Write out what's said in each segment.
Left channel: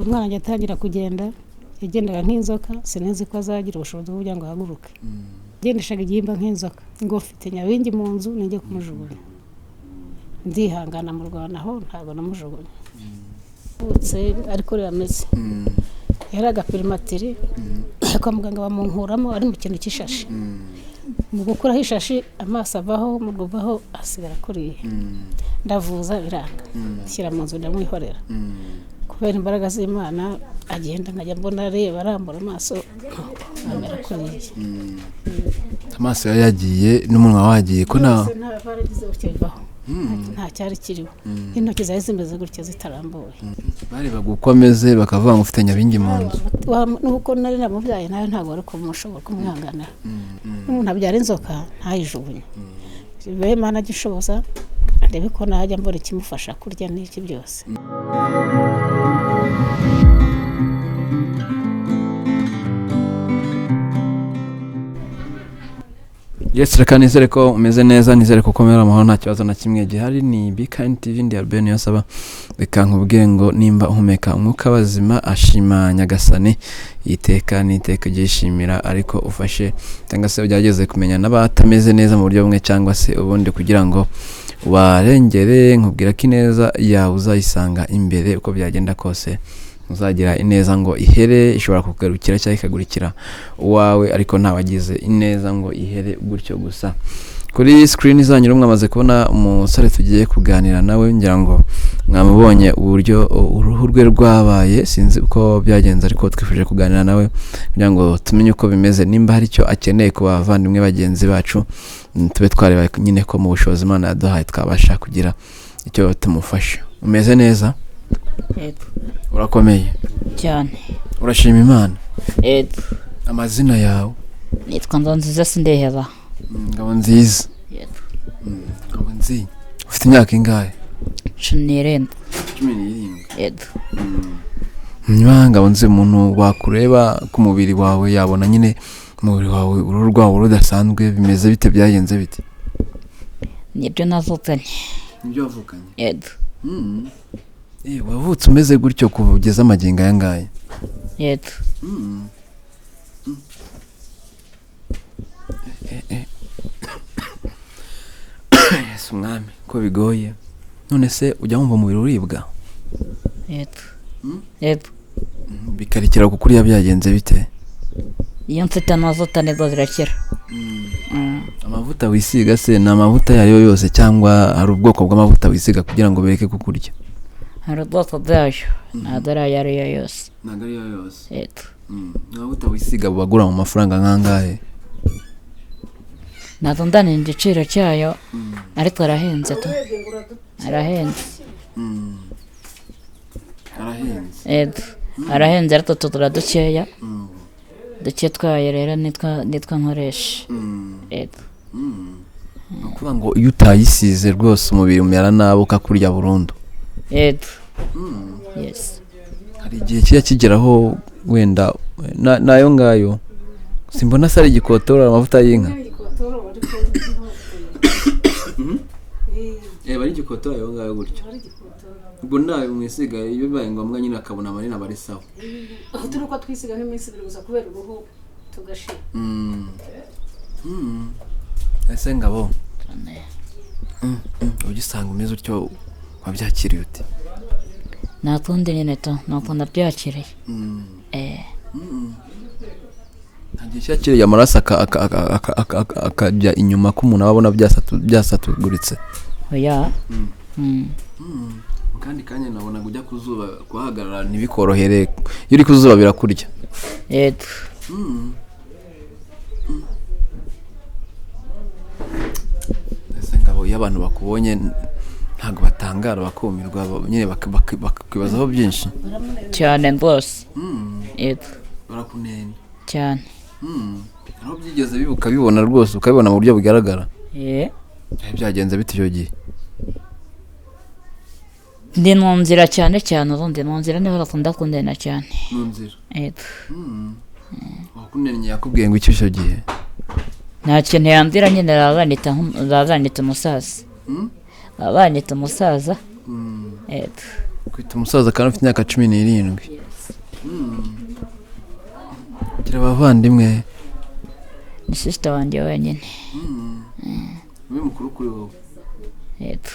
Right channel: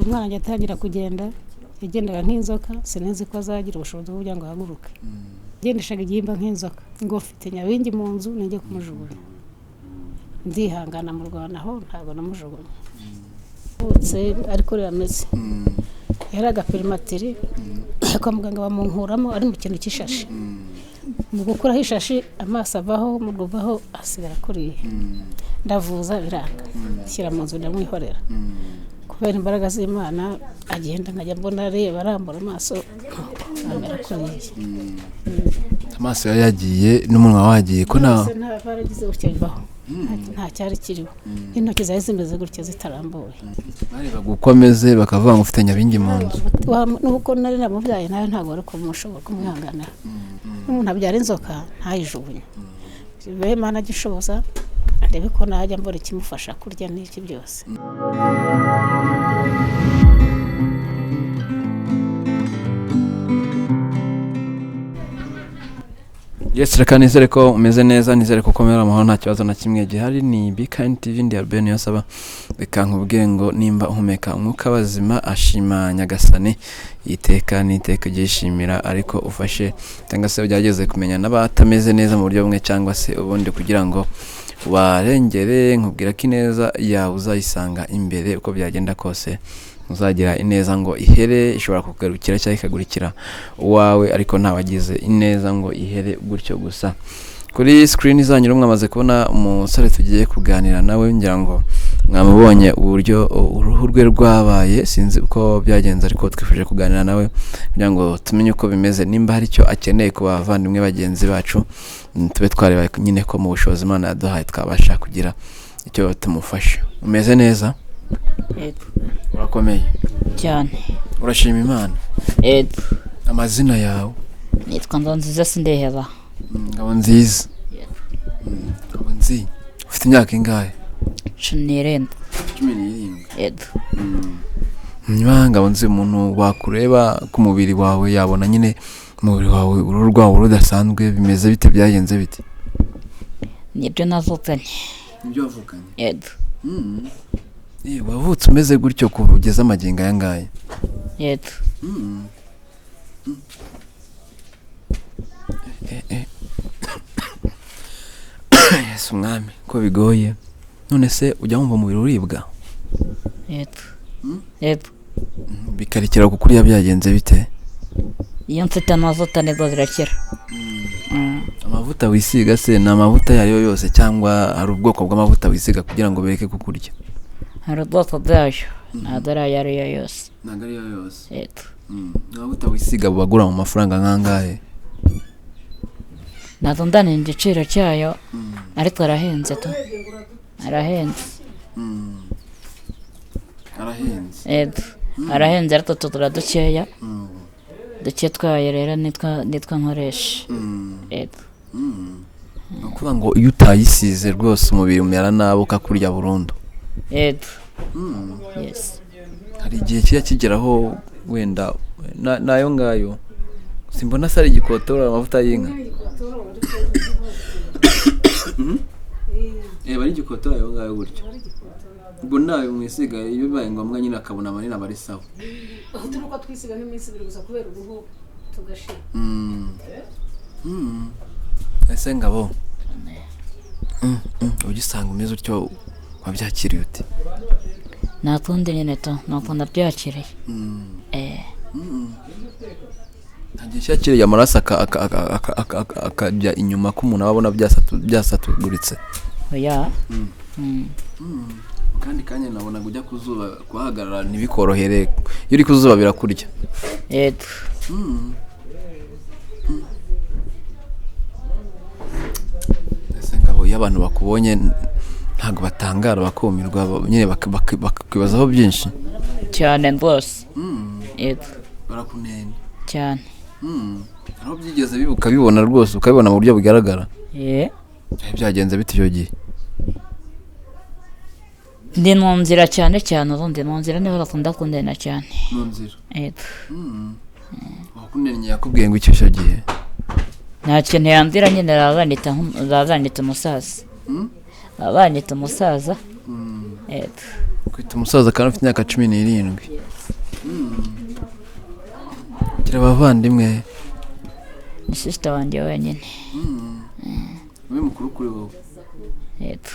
umwana ajya atangira kugenda yagendaga nk'inzoka sinzi ko azagira ubushobozi bwo kugira ngo ahaguruke gendeshaga igihimba nk'inzoka ngo mfite Nyabingi mu nzu nijye kumujugunya ndihangana mu Rwanda aho ntabwo namujugunya utse ariko yameze yaraga primatiri kwa muganga bamunkuramo ari mu kintu cy'ishashi mu gukuraho ishashi amaso avaho mu rubaho asigara kuriye ndavuza biranga shyira mu nzu ndamwihorera kubera imbaraga z'Imana agenda nkajya mbona areba arambura amaso amera kuriye amaso yagiye n'umunwa wagiye ko baragize gutyo bibaho nta cyari kiriho intoki zawe zimeze gutyo zitarambuye bareba gukomeze bakavuga ngo ufite Nyabingi mu nzu nuko nari namubyaye nawe ntabwo ari kumushobora kumwihanganira n'umuntu abyara inzoka ntayijugunye bibaye Imana gishoboza ndebe ko najya mbona ikimufasha kurya n'iki byose Yes, reka nizere ko umeze neza nizere ko komera amahoro nta kibazo na kimwe gihari ni Bikambabaza TV ndi Albert yasaba bikankubwiye ngo nimba uhumeka umwuka bazima ashima Nyagasani iteka niteka gishimira ariko ufashe cyangwa se byageze kumenya n'abatameze neza mu buryo bumwe cyangwa se ubundi kugira ngo warengere nkubwira ko ineza yawe uzayisanga imbere uko byagenda kose uzagira ineza ngo ihere ishobora kugarukira cyangwa ikagurikira uwawe ariko ntawagize ineza ngo ihere gutyo gusa kuri screen zanyu mwamaze kubona umusore tugiye kuganira nawe ngira ngo mwamubonye uburyo uruhu rwe rwabaye sinzi uko byagenze ariko twifuje kuganira nawe kugira ngo tumenye uko bimeze nimba hari icyo akeneye ku bavandimwe bagenzi bacu tube twareba nyine ko mu bushobozi Imana yaduhaye twabasha kugira icyo tumufasha umeze neza yego urakomeye cyane urashima Imana yego amazina yawe nitwa Nziza Sindeheba ngabo nziza yego ngabo nzi ufite imyaka ingahe 17 yego nyuma ngabo nzi umuntu wakureba ku mubiri wawe yabona nyine umubiri wawe uruhu rwawe rudasanzwe bimeze bite byagenze bite nibyo navukanye yego wavutse umeze gutyo kugeza amagingo aya ngaya yego Yesu mwami ko bigoye none se ujya wumva umubiri uribwa yego yego bikarikira kukuriya byagenze bite iyo mfite amavuta nibwo zirakira amavuta wisiga se ni amavuta yariyo yose cyangwa hari ubwoko bw'amavuta wisiga kugira ngo bereke kukurya hari ubwoko bwayo ntabwo ari ayariyo yose ntabwo ariyo yose yego amavuta wisiga bagura mu mafaranga nk'angahe ntabwo ndanira igiciro cyayo ariko arahenze tu arahenze yego arahenze ariko tugura dukeya duke twayo rero nitwa nkoresha yego ni ukuvuga ngo iyo utayisize rwose umubiri umera nabi ukakurya burundu yego yes hari igihe kijya kigeraho wenda nayo ngayo simbona se ari igikotora amavuta y'inka bari igikotora ayo ngayo gutyo ubwo nawe mwisiga iyo bibaye ngombwa nyine akabona amanini aba ari sawa aho turi uko twisiga nk'iminsi ibiri gusa kubera uruhu tugashira ese ngabo ugisanga umeze utyo wabyakiriye uti nakundi nyine to nuko nabyakiriye ntagiye cyakiriye amaraso akajya inyuma ko umuntu ababona byasatuguritse oya kandi kanya nabona kujya kuzuba kuhagarara ntibikorohere iyo uri kuzuba birakurya yego ese ngabo iyo abantu bakubonye ntabwo batangara bakumirwa nyine bakwibazaho byinshi cyane rwose yego barakunenya cyane aho byigeze bibuka bibona rwose ukabibona mu buryo bugaragara byagenze bite icyo gihe ndi mu nzira cyane cyane ubundi mu nzira niho bakunda kundena cyane mu nzira yego wakunennye yakubwiye ngo icyo gihe nta kintu yambwira nyine bazanita umusaza bazanita umusaza yego kwita umusaza kandi ufite imyaka 17 ugira abavandimwe? ni sister wanjye wenyine. Ube mukuru kuri wowe? Yego.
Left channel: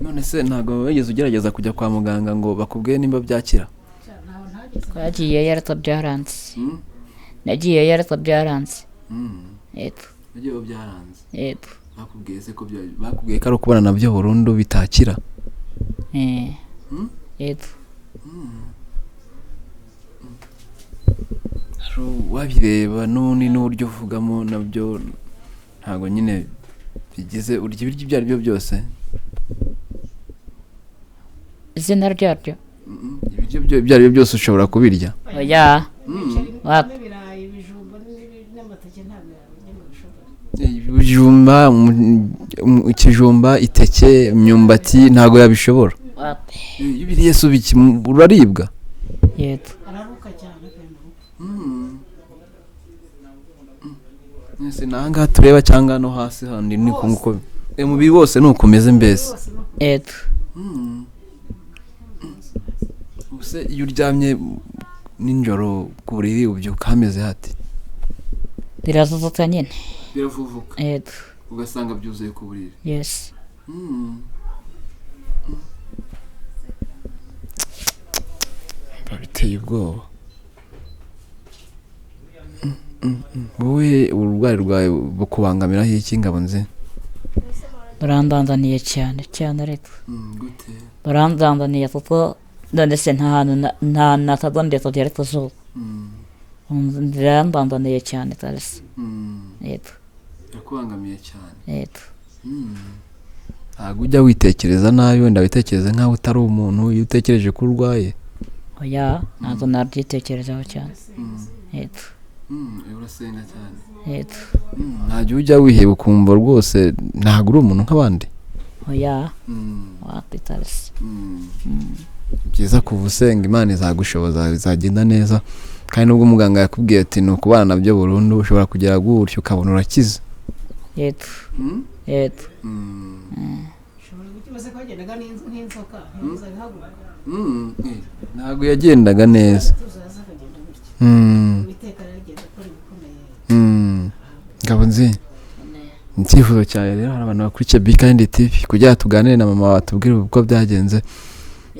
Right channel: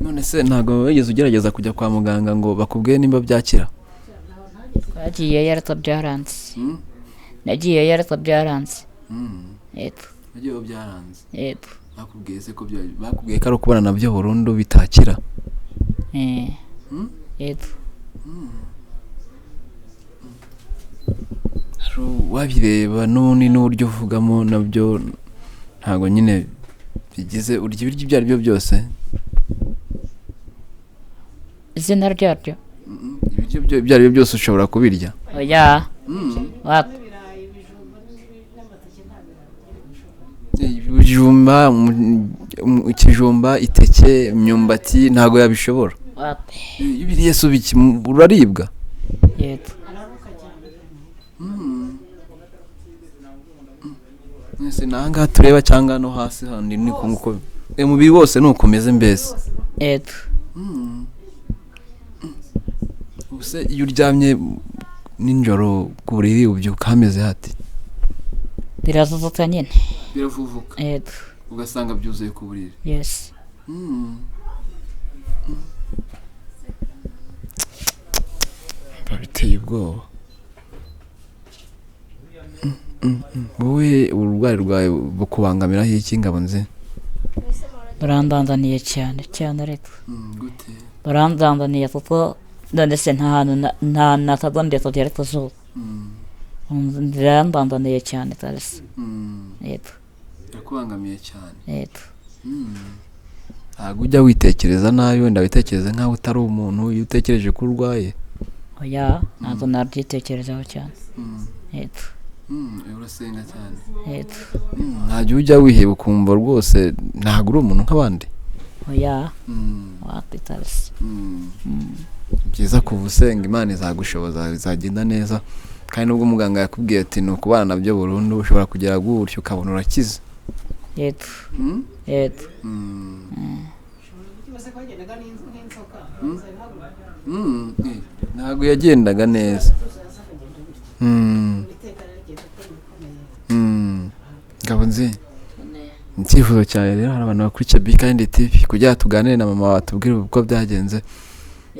None se ntabwo wigeze ugerageza kujya kwa muganga ngo bakubwiye nimba byakira? Twagiyeyo ariko byaranze. Nagiyeyo ariko byaranze. Yego. Nagiyeyo byaranze? Yego. Bakubwiye se ko bakubwiye ko ari ukubona nabyo burundu bitakira? Yego. Wabireba n'ubundi n'uburyo uvugamo nabyo ntabwo nyine bigize urya ibiryo ibyo ari byo byose? Izina ryaryo? Ibiryo ibyo ari byo byose ushobora kubirya? Oya. Wapi? Ibijumba, ikijumba, iteke, imyumbati ntabwo yabishobora? Wapi? Iyo ubiriye se uraribwa? Yego. Mwese nahangaha tureba cyangwa no hasi handi ni nkuko umubiri wose nuko umeze mbese? Yego. Ubuse iyo uryamye ninjoro ku buriri ubyuka hameze hati? Biravuvuka nyine. Biravuvuka? Yego. Ugasanga byuzuye ku buriri? Yes. Biteye ubwoba. Wowe uburwayi rwawe bukubangamiraho iki Ngabonzi? Barandandaniye cyane cyane ariko. Gute? Barandandaniye kuko none se nta hantu nakagombye kugera ku zuba. Barandandaniye cyane kabisa. Yego. Yakubangamiye cyane? Yego. Ntabwo ujya witekereza nabi wenda witekereza nk'aho utari umuntu iyo utekereje ko urwaye? Oya, ntabwo nabyitekerezaho cyane. Yego. Urasenga cyane? Yego. Ntajya ujya wiheba ukumva rwose ntabwo uri umuntu nk'abandi? Oya. Wapi kabisa. Byiza kuva usenga Imana izagushoboza bizagenda neza, kandi nubwo muganga yakubwiye ati ni ukubana nabyo burundu ushobora kugera gutyo ukabona urakize. Yego. Yego. Ntabwo yagendaga neza. Ngabonzi, icyifuzo cyawe rero hari abantu bakurikiye Bikambabaza TV kugira ngo tuganire na mama watubwire uko byagenze,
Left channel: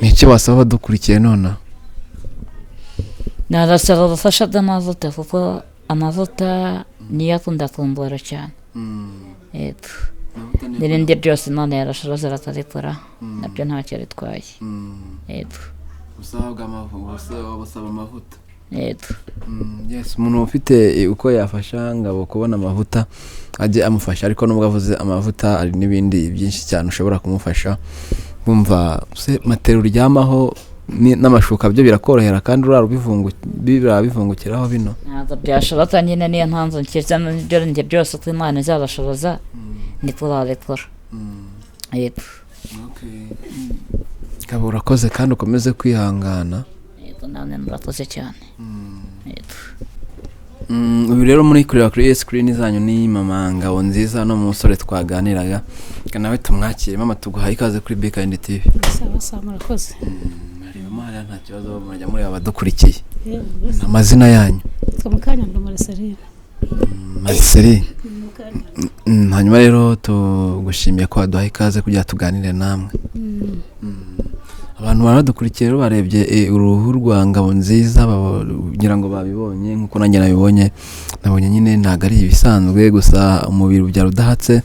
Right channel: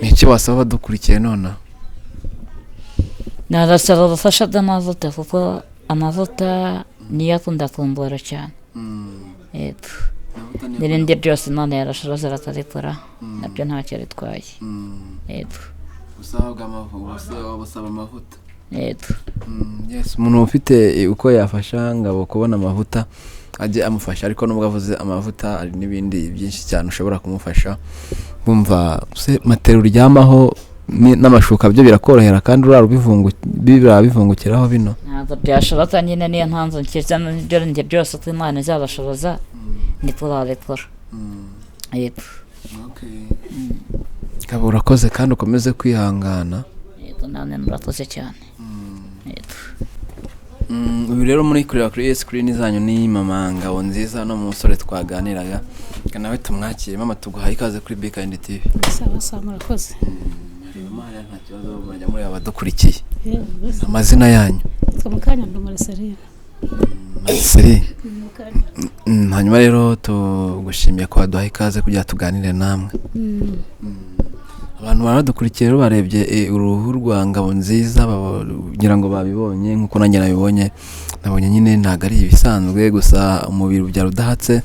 ni iki wasaba badukurikiye nonaha? Narasaba ubufasha bw'amavuta kuko amavuta niyo akunda kumbura cyane. Yego. N'ibindi byose Imana yarashoboza akabikora nabyo ntacyo bitwaye. Yego. Usaba amavuta? Yego. Yes, umuntu ufite uko yafasha Ngabo kubona amavuta ajye amufasha, ariko nubwo avuze amavuta ari n'ibindi byinshi cyane ushobora kumufasha. Bumva se matero uryamaho n'amashuka byo birakorohera kandi urabivungukiraho bino? Ntabwo byashoboka nyine niyo mpamvu nkiza n'ibyo njye byose ko Imana izabashoboza niko babikora. Yego. Ngabo urakoze kandi ukomeze kwihangana. Yego, namwe murakoze cyane. Yego. Ubu rero muri kureba kuri screen zanyu ni mama Ngabonziza no musore twaganiraga, nawe tumwakire. Mama, tuguhaye ikaze kuri Bikambabaza TV. Sawa murakoze. Mama, nta kibazo mujya muri abadukurikiye. Amazina yanyu? Mukanya ndo Marceline. Marceline. Hanyuma rero tugushimiye ko waduhaye ikaze kugira tuganire namwe. Abantu baradukurikiye rero barebye uruhu rwa Ngabonziza bagira ngo babibonye nkuko nanjye nabibonye. Nabonye nyine ntago ari ibisanzwe, gusa umubiri ubyara udahatse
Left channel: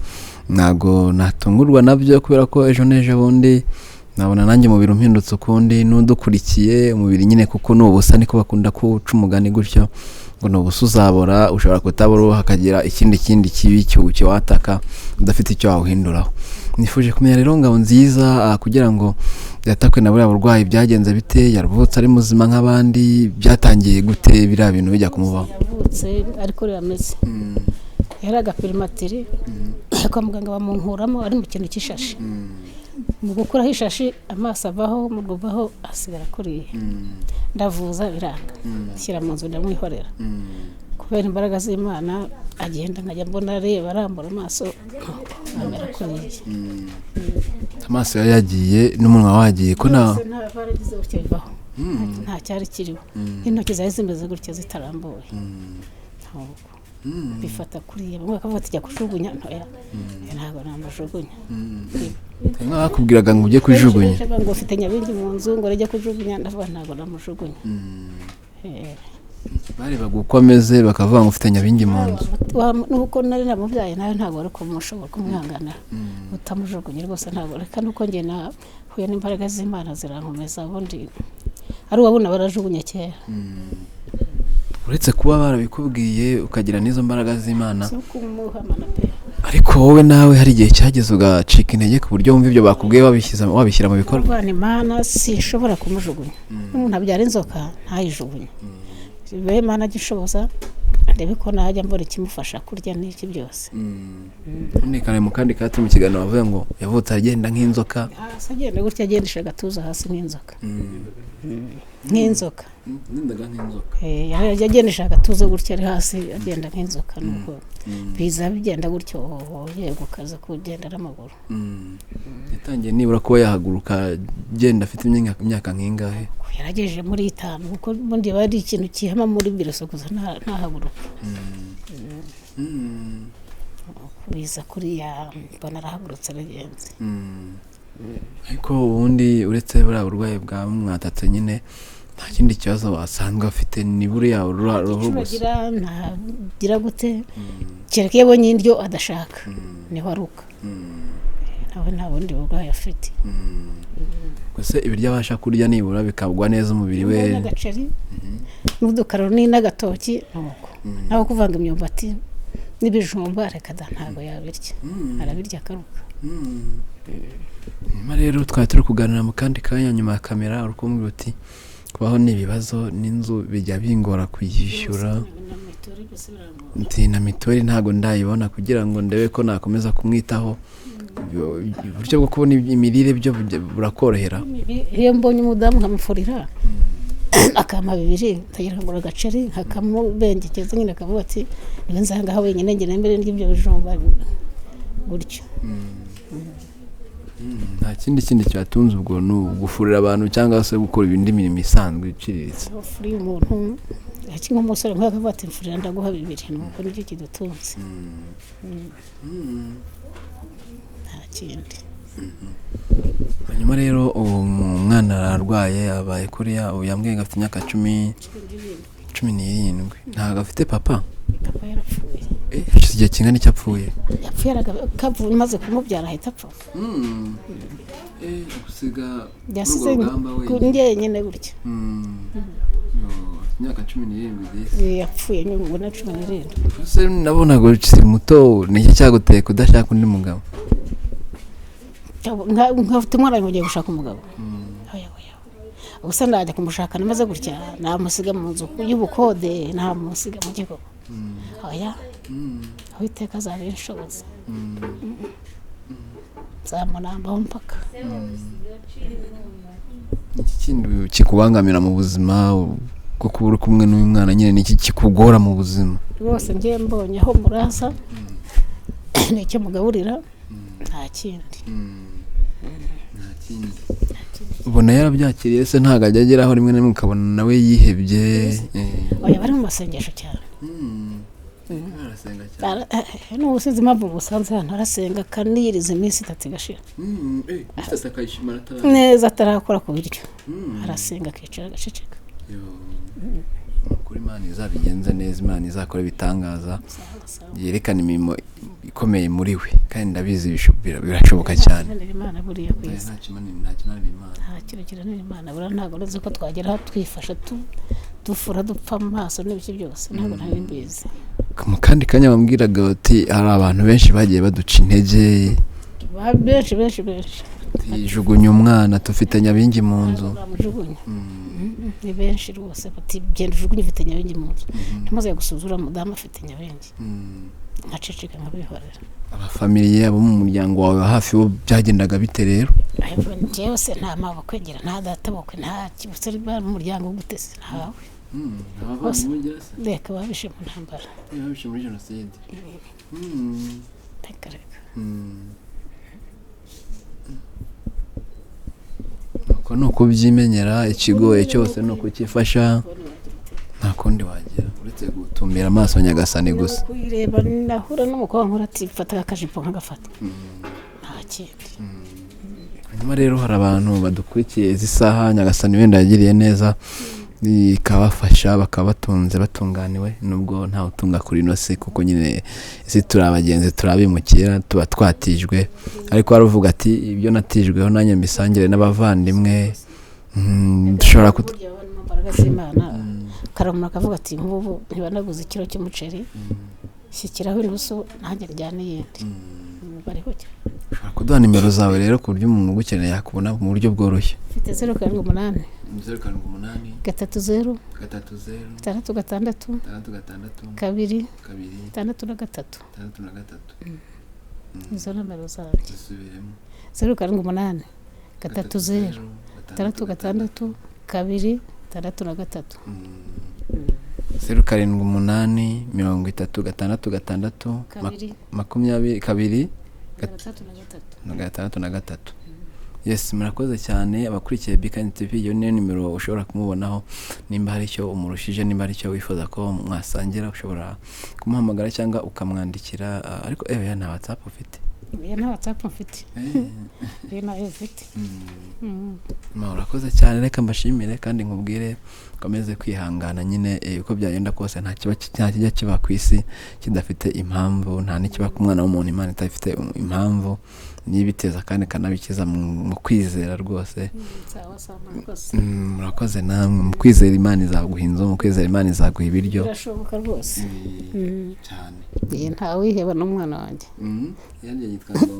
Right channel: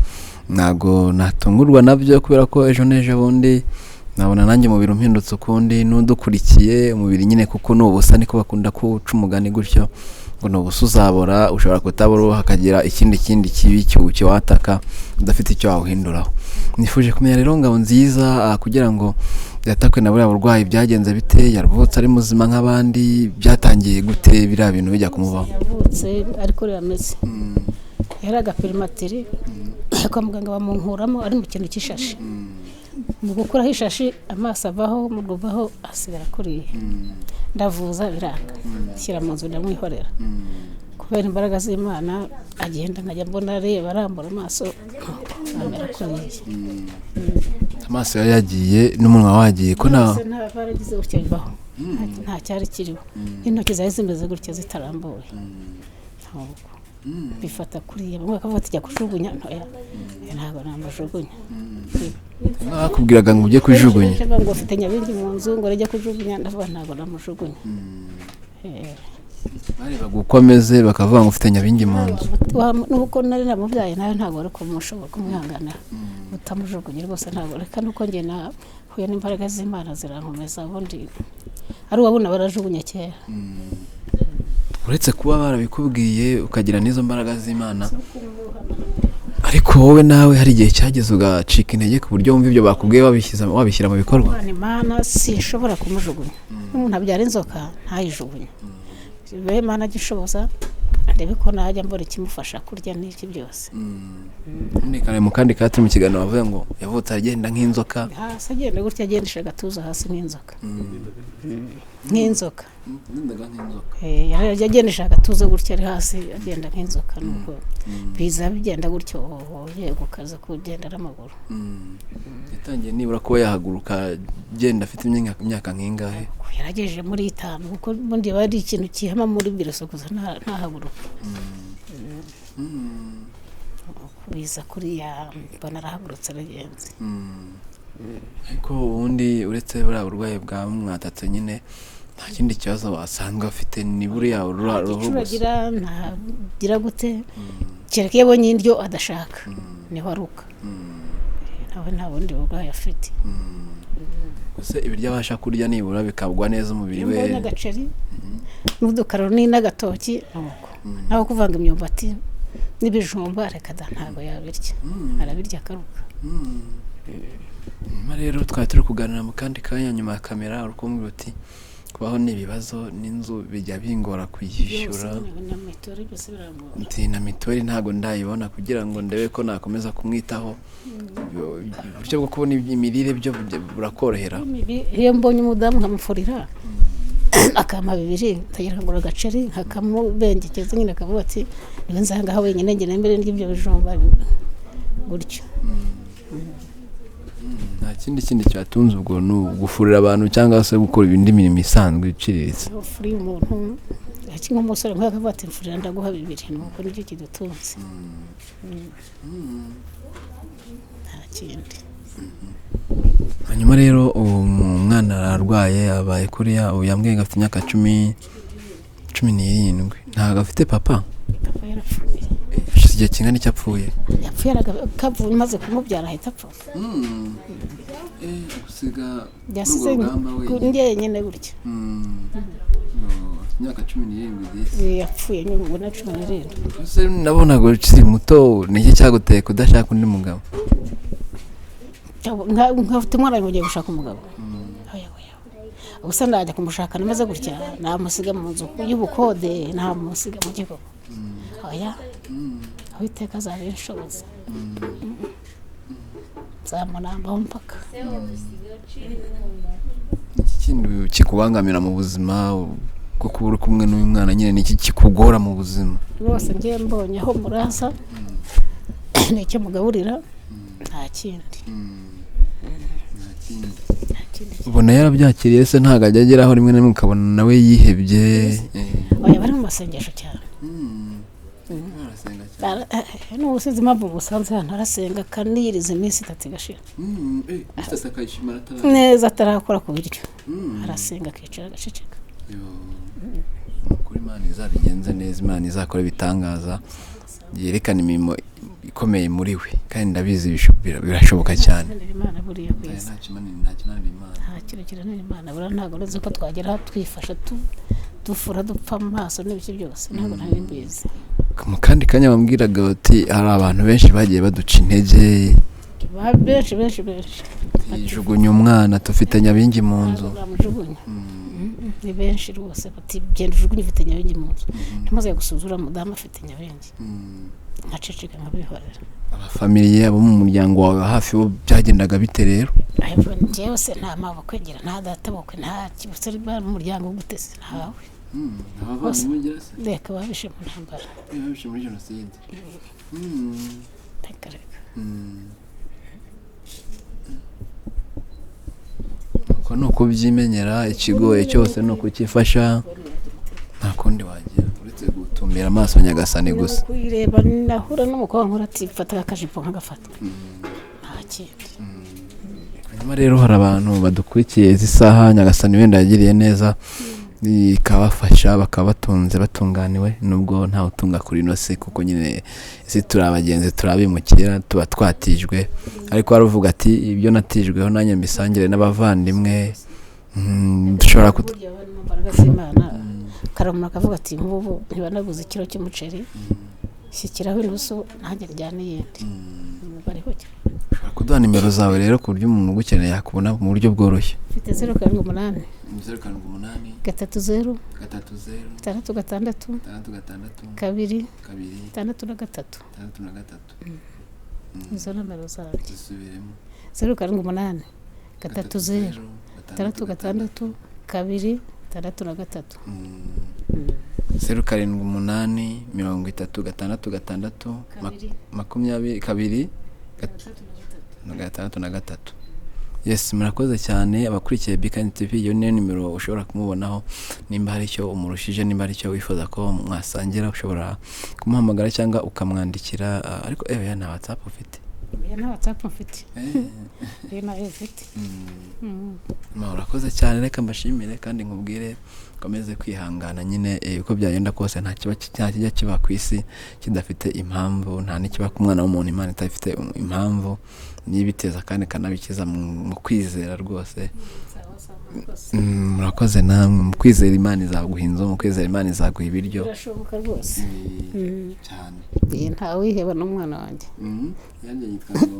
ntago natungurwa nabyo kubera ko ejo neje bundi nabona nanjye umubiri umpindutse ukundi n'udukurikiye umubiri nyine kuko nubusa niko bakunda kuca umugani gutyo ngo nubusa uzabora, ushobora kutabura hakagira ikindi kibi cyucyo wataka udafite icyo wawuhinduraho. Nifuje kumenya rero Ngabonziza kugira ngo yatakwe na buriya burwayi byagenze bite, yaruvutse ari muzima nk'abandi, byatangiye gute biriya bintu bijya kumubaho? Yavutse ariko yameze yari agapirimatiri kwa muganga bamunkuramo ari mu kintu cy'ishashi. Mu gukuraho ishashi amaso avaho mu guvaho asigara kuriye. Ndavuza biranga shyira mu nzu ndamwihorera kubera imbaraga z'Imana agenda nkajya mbona areba arambura amaso amera kuriye. Amaso yagiye n'umunwa wagiye ko nta baragize utyo bibaho. nta cyari kiriho intoki zari zimeze gutya zitarambuye bifata kuriya bamwe bakavuga ati jya kujugunya ntoya ntabwo namujugunya bakubwiraga ngo ujye kujugunya ngo ufite Nyabingi mu nzu ngo rejya kujugunya ndavuga ntabwo namujugunya barebaga uko ameze bakavuga ngo ufite Nyabingi mu nzu nuko nari namubyaye nawe ntabwo ari kumushobora kumwihanganira utamujugunye rwose ntabwo reka nuko njye nahuye n'imbaraga z'Imana zirankomeza ubundi ari uwabona barajugunye kera uretse kuba barabikubwiye ukagira n'izo mbaraga z'Imana ariko wowe nawe hari igihe cyageze ugacika intege ku buryo wumva ibyo bakubwiye wabishyira mu bikorwa Imana sinshobora kumujugunya n'umuntu abyara inzoka ntayijugunye Imana gishoboza ndebe ko najya mbona ikimufasha kurya n'iki byose ntikane mu kandi kati mu kiganiro bavuga ngo yavutse agenda nk'inzoka hasi agenda gutya agendesha agatuza hasi nk'inzoka nk'inzoka yagendesha agatuza gutya ari hasi agenda nk'inzoka nuko biza bigenda gutyo yego kaza kugenda n'amaguru yatangiye nibura kuba yahaguruka agenda afite imyaka nk'ingahe yaragejeje muri 5 kuko bundi bari ikintu kihama muri biroso kuza ntahaguruka biza kuriya mbona arahagurutse aragenze ariko ubundi uretse buriya burwayi bwa mwatatse nyine nta kindi kibazo wasanzwe afite ni buriya ruhu gusa ntagira gute kereka iyo abonye indyo adashaka niho aruka nawe nta bundi burwayi afite gusa ibiryo abasha kurya nibura bikagwa neza umubiri we n'agaceri n'udukaroni n'agatoki nuko naho kuvanga imyumbati n'ibijumba reka ntabwo yabirya arabirya akaruka nyuma rero twari turi kuganira mu kandi kanya nyuma ya kamera urukumbwira uti kubaho n'ibibazo n'inzu bijya bingora kuyishyura na mitori ntabwo ndayibona kugira ngo ndebe ko nakomeza kumwitaho uburyo bwo kubona imirire byo burakorohera iyo mbonye umudamu nkamufurira akama 2 tagira ngo agaceri nkakamubengekeza nyine akavuga ati niwe nzanga aho wenyine ngene mbere n'ibyo bijumba gutyo nta kindi cyatunze ubwo ni gufurira abantu cyangwa se gukora ibindi mirimo isanzwe iciriritse ufuriye umuntu kimwe umusore nk'akavuga ati mfurira ndaguha 2 nuko nicyo kidutunze nta kindi hanyuma rero umwana ararwaye abaye kuriya ubu yambwiye ngo afite imyaka 17 ntabwo afite papa yarapfuye hashize igihe kingana icyo apfuye yapfuye kavuye maze kumubyara ahita apfa gusiga yasize njyenyine gutya imyaka 17 yapfuye nyuma na 17 ese nabonaga ukiri muto niki cyaguteye kudashaka undi mugabo nkafite umwana ngiye gushaka umugabo gusa ndajya kumushaka namaze gutya namusiga mu nzu y'ubukode namusiga mu kigo oya aho iteka zabinshoboza zamunambaho mpaka iki kintu kikubangamira mu buzima bwo kuba uri kumwe n'uyu mwana nyine niki kikugora mu buzima rwose ngiye mbonye aho murasa nicyo mugaburira nta kindi ubona yarabyakiriye se ntabwo ajya ageraho rimwe na rimwe ukabona nawe yihebye oya bari mu masengesho cyane n'ubusinzi impamvu musanze hano arasenga akaniyiriza iminsi 3 igashira neza atarakora ku biryo arasenga akicara agaceceka kuri Imana izabigenze neza Imana izakora ibitangaza yerekana imirimo ikomeye muri we kandi ndabizi birashoboka cyane Imana buriya kweza nta kintu kiranira Imana bura ntabwo nzi ko twagera twifasha dufura dupfa mu maso n'ibiki byose ntabwo nari mbizi mu kandi kanya bambwiraga bati hari abantu benshi bagiye baduca intege benshi jugunya umwana tufite Nyabingi mu nzu ni benshi rwose bati genda ujugunye ufite Nyabingi mu nzu ntimaze gusuzura mudamu afite Nyabingi nkaceceka nkabihorera abafamiliye abo mu muryango wawe hafi bo byagendaga bite rero njyewe se nta maboko ngira nta data bokwe nta kibutse mu muryango gutese ntawe reka babishe mu ntambara babishe muri jenoside reka uko ko ni ukubyimenyera ikigoye cyose ni ukukifasha nta kundi wagira uretse gutumbira amaso nyagasani gusa kuyireba nahura n'umukobwa nkora ati fata akajipo nkagafata nta kindi hanyuma rero hari abantu badukurikiye izi saha nyagasani wenda yagiriye neza ikabafasha bakaba batunze batunganiwe nubwo ntawe utunga kuri ino si kuko nyine isi turi abagenzi turabimukira tuba twatijwe ariko waravuga ati ibyo natijweho nanjye mbisangire n'abavandimwe dushobora imbaraga z'Imana karamura akavuga ati nk'ubu ntibanaguze ikiro cy'umuceri shyikiraho inusu nanjye njyane yindi bariho ushobora kuduha nimero zawe rero ku buryo umuntu ugukeneye yakubona mu buryo bworoshye mfite 078 30 66 2 6 izo nimero zanjye 078 30 66 2 6 0788 36 22 23. Yes, murakoze cyane abakurikiye Bikambabaza TV. Iyo niyo nimero ushobora kumubonaho nimba hari icyo umurushije, nimba hari icyo wifuza ko mwasangira, ushobora kumuhamagara cyangwa ukamwandikira. Ariko nta WhatsApp ufite? Nta WhatsApp mfite. Nayo mfite. Murakoze cyane, reka mbashimire kandi nkubwire komeze kwihangana nyine uko byagenda kose nta kijya kiba ku isi kidafite impamvu, nta n'ikiba ku mwana w'umuntu Imana itafite impamvu, nibiteza kandi kanabikiza mu kwizera rwose. Murakoze namwe mu kwizera Imana izaguha inzu, mu kwizera Imana izaguha ibiryo. Birashoboka rwose cyane. Nta wiheba n'umwana wanjye. Yanjye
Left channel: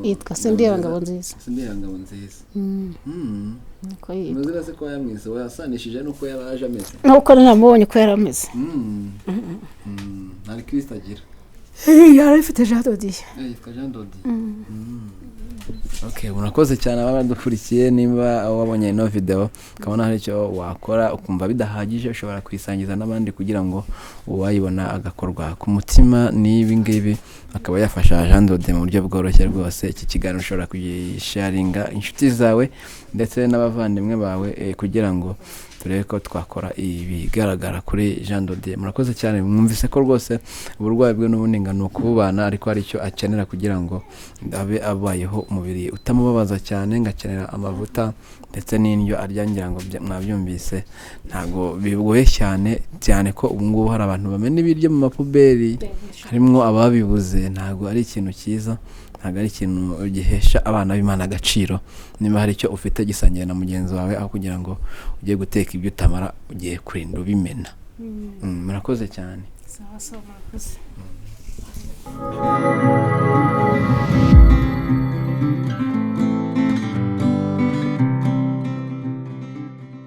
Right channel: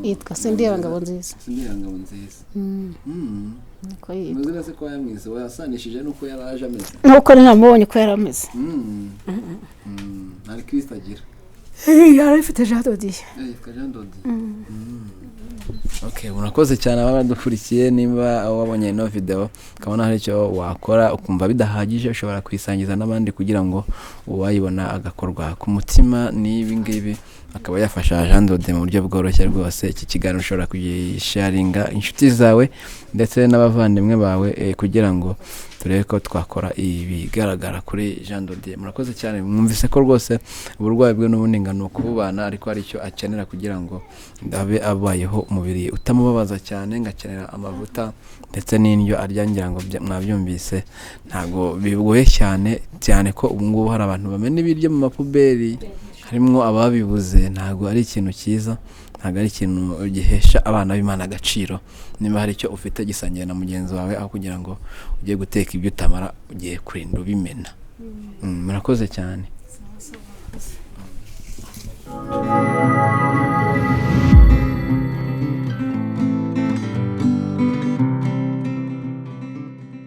yitwa Ngabo nziza. Ngabo nziza. Niko yitwa. Muzi se ko yamwise wasanishije nuko yaraje ameze. Nuko namubonye ko yarameze. Nari Kristo agira. Yari afite Jean Dodiye. Yitwa Jean Dodiye. Okay, murakoze cyane abadukurikiye. Nimba wabonye ino video ukabona hari icyo wakora ukumva bidahagije, ushobora kwisangiza n'abandi kugira ngo uwayibona agakorwa ku mutima. N'ibi ngibi akaba yafasha Jean Dodiye mu buryo bworoshye rwose. Iki kiganiro ushobora kugisharinga inshuti zawe ndetse n'abavandimwe bawe kugira ngo turebe ko twakora ibigaragara kuri Jean Dodiye. Murakoze cyane, mwumvise ko rwose uburwayi bwe n'ubundi ngano kubana, ariko hari icyo akenera kugira ngo abe abayeho umubiri utamubabaza cyane, ngakenera amavuta ndetse n'indyo arya. Ngira ngo mwabyumvise ntago bigoye cyane ko ubu ngubu hari abantu bamena ibiryo mu mapuberi, harimo ababibuze. Ntago ari ikintu cyiza, ntago ari ikintu gihesha abana b'Imana agaciro. Niba hari icyo ufite gisangiye na mugenzi wawe, aho kugira ngo ugiye guteka ibyo utamara ugiye kurinda ubimena. Murakoze cyane.